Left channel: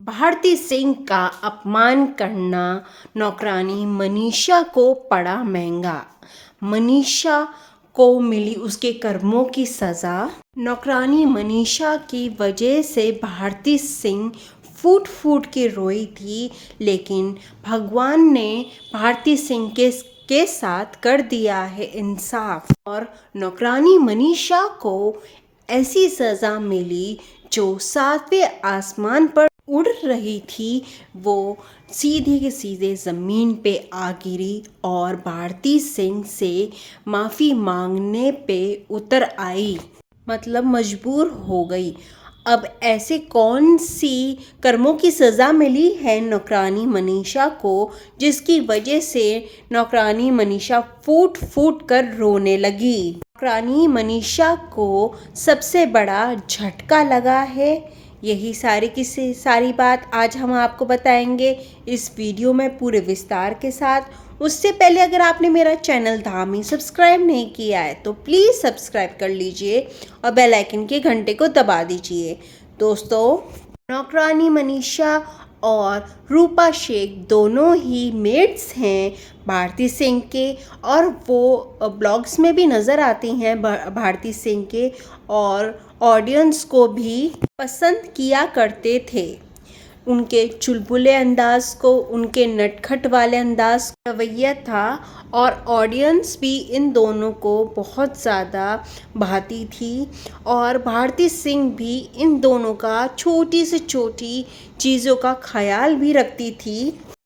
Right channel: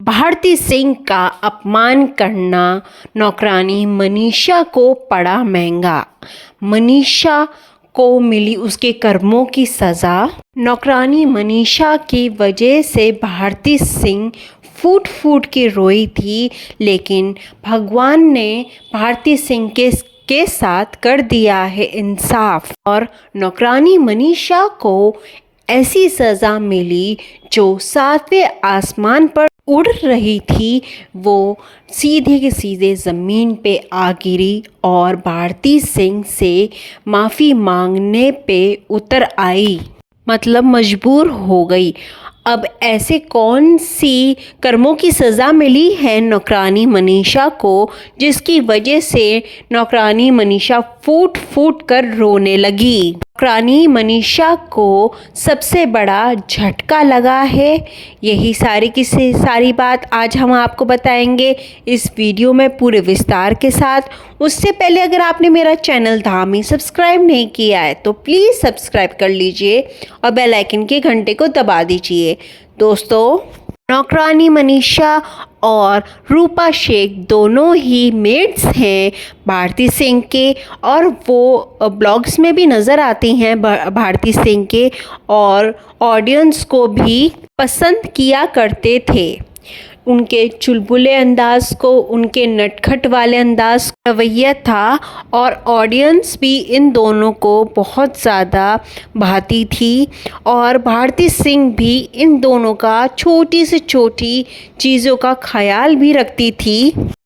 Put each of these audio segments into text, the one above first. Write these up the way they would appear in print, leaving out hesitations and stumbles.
भारती सिंह का अपमान करना नौकरानी मनीषा को पड़ा महंगा। मनीषा को मिली उसके कर्मों की सज़ा। नौकरानी मनीषा की वजह से भारती सिंह फूट फूट के रोई थी, लेकिन भगवान ने भारती सिंह के साथ कर दिया है इंसाफ और नौकरानी मनीषा को ऐसी सज़ा मिली जो सातवें आसमान पर उड़ रही थी, वो सीधे के सीधे ज़मीन पे आ गिरी और भारती सिंह से माफ़ी मांगने पे उतर आई, मतलब मजबूर हो गई। अब ऐसे कौन सी कर्मों की सज़ा मिली है नौकरानी मनीषा को, जिसकी वजह से नौकरानी मनीषा फूट फूट कर रोने लगी। नौकरानी मनीषा को सबसे बड़ा झटका लगा है। यही सारी बात आज हम आपको बताएंगे इस वीडियो में पूरे विस्तार के साथ। उससे पहले अगर आपने मेरा चैनल धामी सब्सक्राइब नहीं किया है तो प्लीज़ सब्सक्राइब कर लीजिए और बेल आइकन के घंटे को दबा दीजिए। दोस्तों, नौकरानी मनीषा और रूपा शेख दोनों ही मेड्स हैं भारती सिंह के, और वो ब्लॉग्स में भी नज़र आती हैं भारती सिंह के, और ऑडियंस को भी पसंद किया करते थे। उनके चुलबुले अंदाज को, उनके नटखट वाले अंदाज रवैया था, और ऑडियंस भी इन दोनों को बहुत ज़्यादा भाती थी। और भारती सिंह भी इन दोनों का छोटी से छोटी चीज़ों का ख्याल भी रखती थी।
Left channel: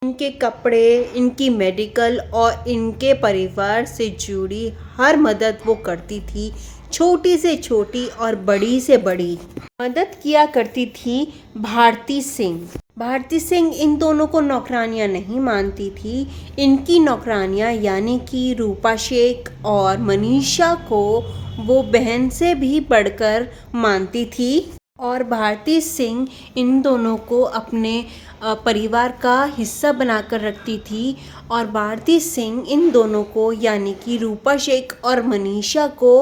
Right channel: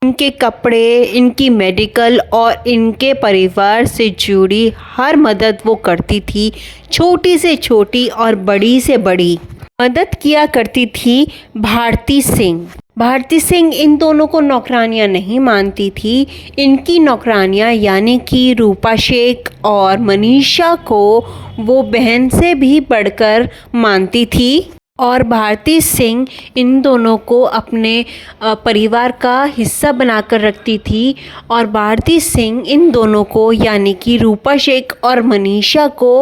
इनके कपड़े, इनकी मेडिकल और इनके परिवार से जुड़ी हर मदद वो करती थी। छोटी से छोटी और बड़ी से बड़ी मदद किया करती थी भारती सिंह। भारती सिंह इन दोनों को नौकरानियां नहीं मानती थी। इनकी नौकरानियां यानी कि रूपा शेख और मनीषा को वो बहन से भी बढ़कर मानती थी, और भारती सिंह इन दोनों को अपने परिवार का हिस्सा बनाकर रखती थी। और भारती सिंह इन दोनों को यानी कि रूपा शेख और मनीषा को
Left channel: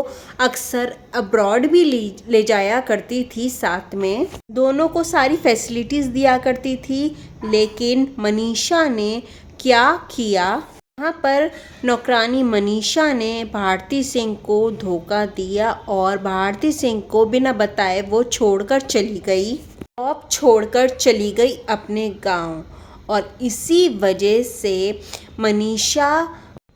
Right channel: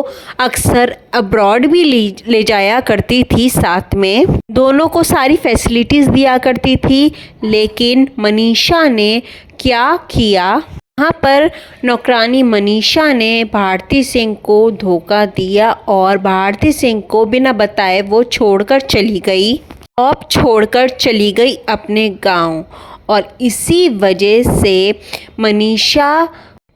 अक्सर अब्रॉड भी ले जाया करती थी साथ में। दोनों को सारी फैसिलिटीज़ दिया करती थी, लेकिन मनीषा ने क्या किया, यहाँ पर नौकरानी मनीषा ने भारती सिंह को धोखा दिया और भारती सिंह को बिना बताए वो छोड़कर चली गई। अब छोड़कर चली गई अपने गांव, और इसी वजह से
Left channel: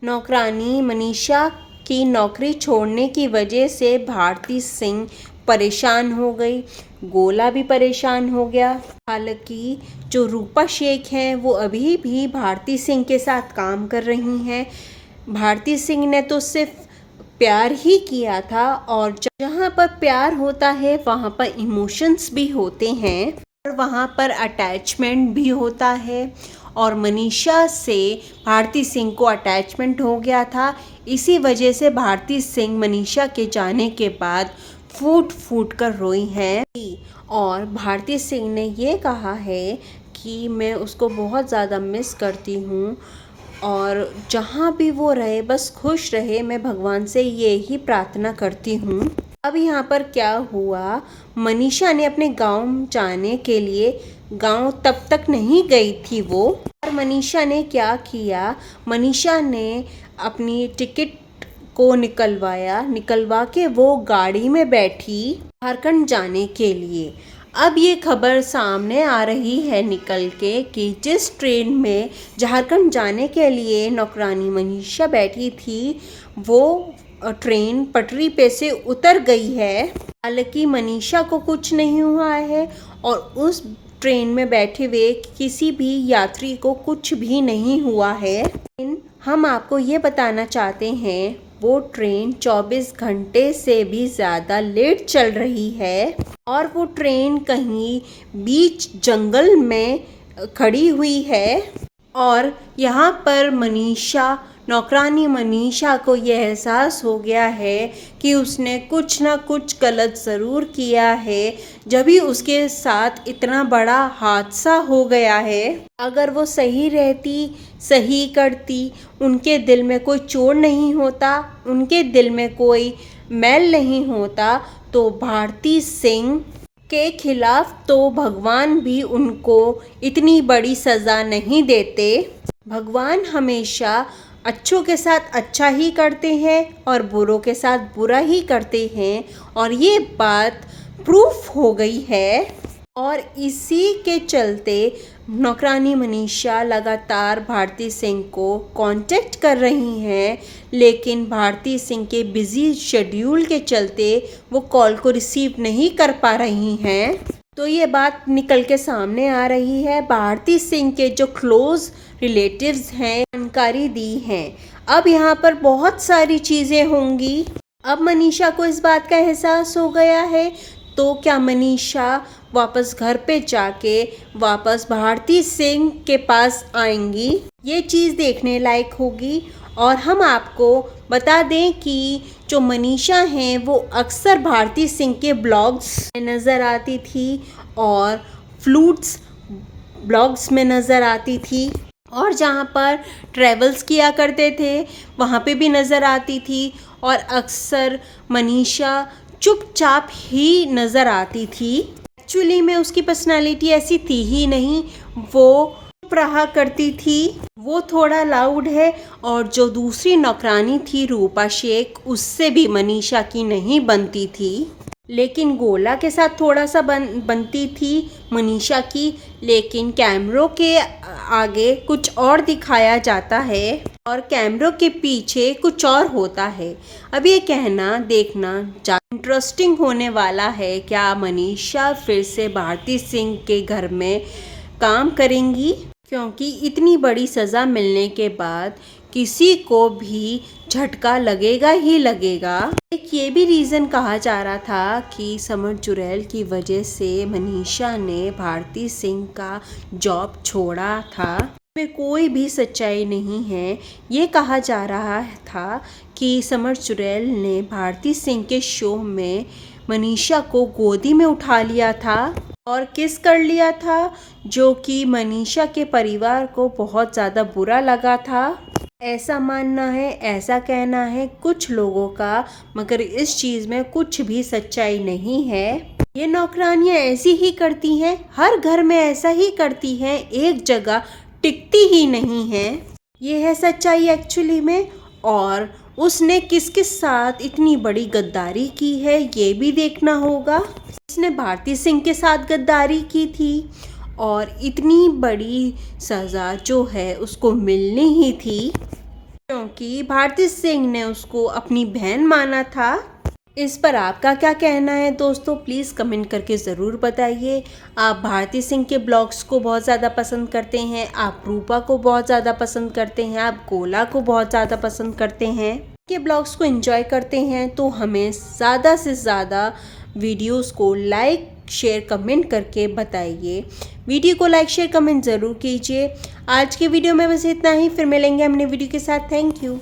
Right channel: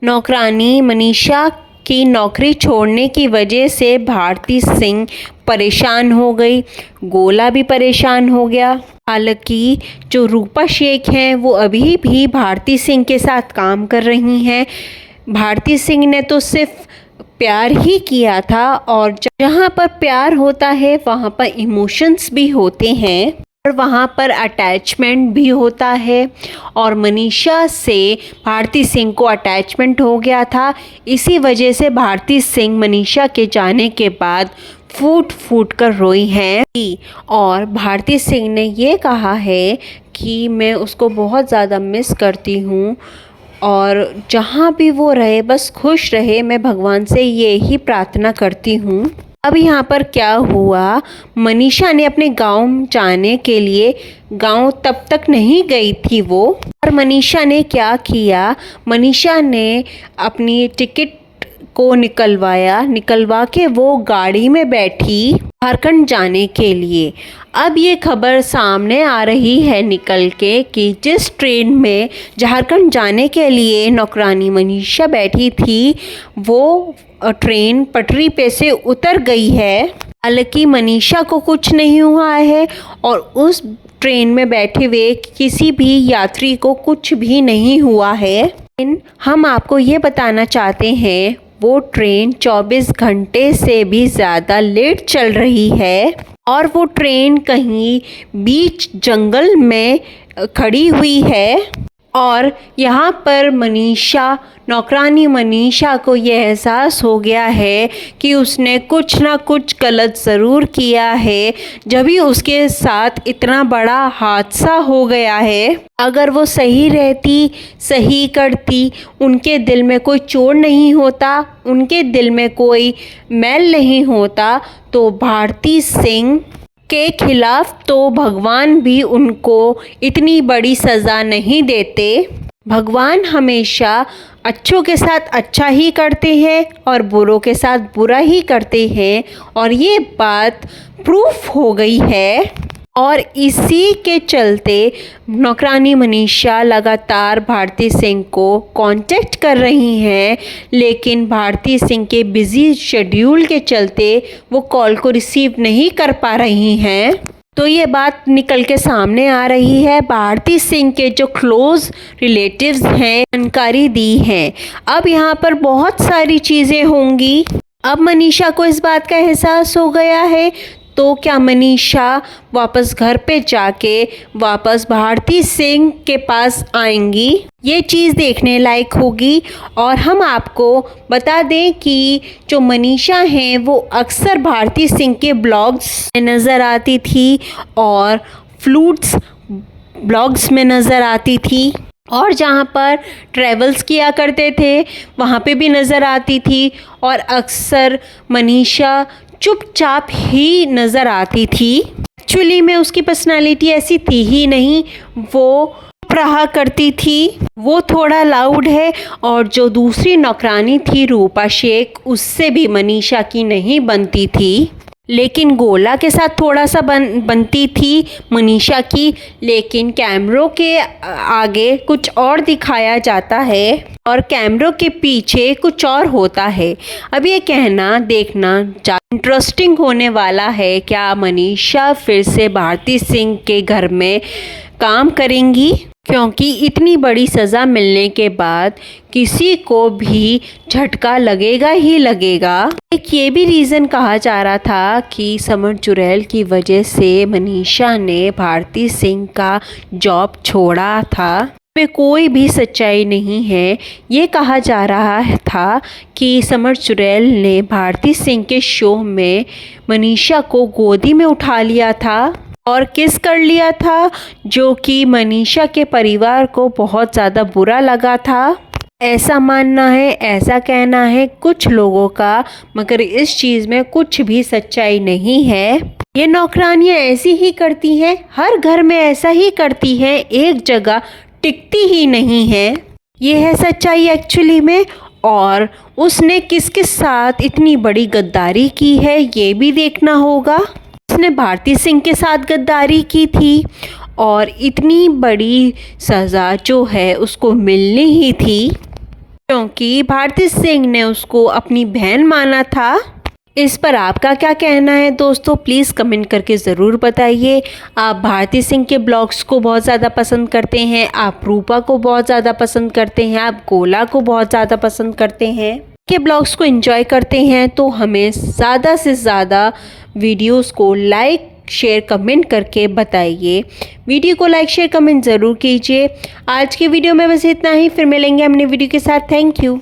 नौकरानी मनीषा की नौकरी छोड़ने की वजह से भारती सिंह परेशान हो गई। गोला भी परेशान हो गया। हालांकि जो रूपा शेख हैं वो अभी भी भारती सिंह के साथ काम कर रही हैं। भारती सिंह ने तो सिर्फ प्यार ही किया था, और जहाँ पर प्यार होता है वहाँ पर इमोशंस भी होते हैं और वहाँ पर अटैचमेंट भी होता है। और मनीषा से भारती सिंह को अटैचमेंट हो गया था। इसी वजह से भारती सिंह मनीषा के जाने के बाद फूट फूट कर रोई हैं, और भारती सिंह ने ये कहा है कि मैं उसको बहुत ज़्यादा मिस करती हूँ, और जहाँ भी वो रहे बस खुश रहे, मैं भगवान से ये ही प्रार्थना करती हूँ। अब यहाँ पर क्या हुआ, मनीषा ने अपने गांव जाने के लिए, गांव तब तक नहीं गई थी वो, और मनीषा ने क्या किया, मनीषा ने अपनी टिकट को निकलवा के वो गाड़ी में बैठी झारखंड जाने के लिए। अब ये खबर सामने आ रही है निकल के कि जिस ट्रेन में झारखंड जाने के लिए नौकरानी मनीषा बैठी थी, वो ट्रेन पटरी पे से उतर गई है। हालांकि मनीषा को कुछ नहीं हुआ है, और उस ट्रेन में बैठे हुए किसी भी यात्री को कुछ भी नहीं हुआ है। लेकिन हम आपको ये बताना चाहते हैं, वो ट्रेन 24 घंटे से भी ज़्यादा लेट चल रही है, और वो ट्रेन कहीं बीच जंगल में खड़ी हुई है। और यहाँ पर नौकरानी मनीषा को ये एहसास हो गया है कि उसने कुछ ना कुछ गलत ज़रूर किया है, जब भी उसके साथ इतना बड़ा हादसा हो गया है। अगर वो सही रहती, सही करती, उनके दिल में कोई चोट नहीं होता, उनके दिल में कोई मैल नहीं होता, तो भारती सिंह के खिलाफ तो भगवान भी उनको इतनी बड़ी सज़ा नहीं देते। भगवान हमेशा अच्छों के साथ अच्छा ही करते हैं और बुरों के साथ बुरा ही करते हैं, और ये बात प्रूफ हो गई है। और इसी के चलते नौकरानी मनीषा लगातार भारती सिंह को कांटेक्ट कर रही हैं, लेकिन भारती सिंह के बिज़ी शेड्यूल के चलते वो कॉल को रिसीव नहीं कर पा रही हैं। तो ये बात निकल के सामने आ रही है। भारती सिंह के जो क्लोज़ रिलेटिव्स हैं जानकारी दी हैं। अब यहाँ पर बहुत सारी चीज़ें होंगी। अब मनीषा को इस बात का एहसास हो गया है, तो क्या मनीषा वापस घर पे जाके वापस भारती सिंह के पास आएंगी? ये चीज़ देखने लायक होगी। और हम आपको बता दें कि जो मनीषा हैं वो अक्सर भारती सिंह के ब्लॉग्स में नज़र आती थी और फ्लूट्स ब्लॉग्स में नज़र आती थी, और जहाँ पर ट्रैवल्स किया करते थे वहाँ पे भी नज़र आती थी। और अक्सर मनीषा चुपचाप ही नज़र आती थी। एक्चुअली में उसकी पर्सनालिटी ऐसी थी ही नहीं, वो चुप रहा करती थी। वो थोड़ा लाउड है, और जो दूसरी नौकरानी थी रूपा शेख, उससे भी मनीषा की नहीं बनती थी। लेकिन गोला के साथ थोड़ा सा बनती थी मनीषा की, लेकिन कैमरों के आगे कुछ और दिखाया जाता है और कैमरों के पीछे कुछ और होता है। अब ये कहना देखना इंटरेस्टिंग होने वाला है। क्या मनीषा फिर से भारती सिंह के घर में काम करेंगी? क्योंकि इतनी बड़ी सज़ा मिलने के बाद किसी को भी झटका लगेगा ही लगेगा। एक ये भी रीज़न कहा जा रहा था कि समर चुड़ैल की वजह से मनीषा ने भारती सिंह का जॉब छोड़ा था। में कोई भी सच्चाई नहीं है। ये कहा जा रहा था कि समर चुड़ैल ने भारती सिंह के शो में मनीषा को गोदी में उठा लिया था और किस कर लिया था, जो कि मनीषा के परिवार को बहुत ज़्यादा बुरा लगा था। ऐसा मानना है, ऐसा कहना है कुछ लोगों का, मगर इस चीज़ में कुछ भी सच्चाई नहीं है। ये नौकरानियाँ ऐसी ही करती हैं, हर घर में ऐसा ही करती हैं, एक जगह टिकती ही नहीं है। ये है सच्चाई एक्चुअली में। और उसने किस किस साथ इतनी बड़ी गद्दारी की है ये भी देखना होगा। उसने भारती सिंह के साथ गद्दारी की थी और इतनी बड़ी सज़ा जो है उसको मिलनी ही थी, क्योंकि भारती सिंह ने उसको अपनी बहन माना था। इस पर आपका क्या कहना है दोस्तों? प्लीज़ कमेंट करके ज़रूर बताइए। आप भारती सिंह के ब्लॉग्स को बहुत ज़्यादा पसंद करते हैं, आप रूपा को बहुत ज़्यादा पसंद करते हैं, आप गोला को बहुत ज़्यादा पसंद करते हैं, के ब्लॉग्स को एंजॉय करते हैं, तो हमें ज़्यादा से ज़्यादा वीडियोस को लाइक शेयर कमेंट करके बताइए। वीडियो को लाइक शेयर कमेंट ज़रूर कीजिए। आज की वीडियो में बस इतना ही, फिर मिलेंगे अपने वीडियो के साथ। Thank you.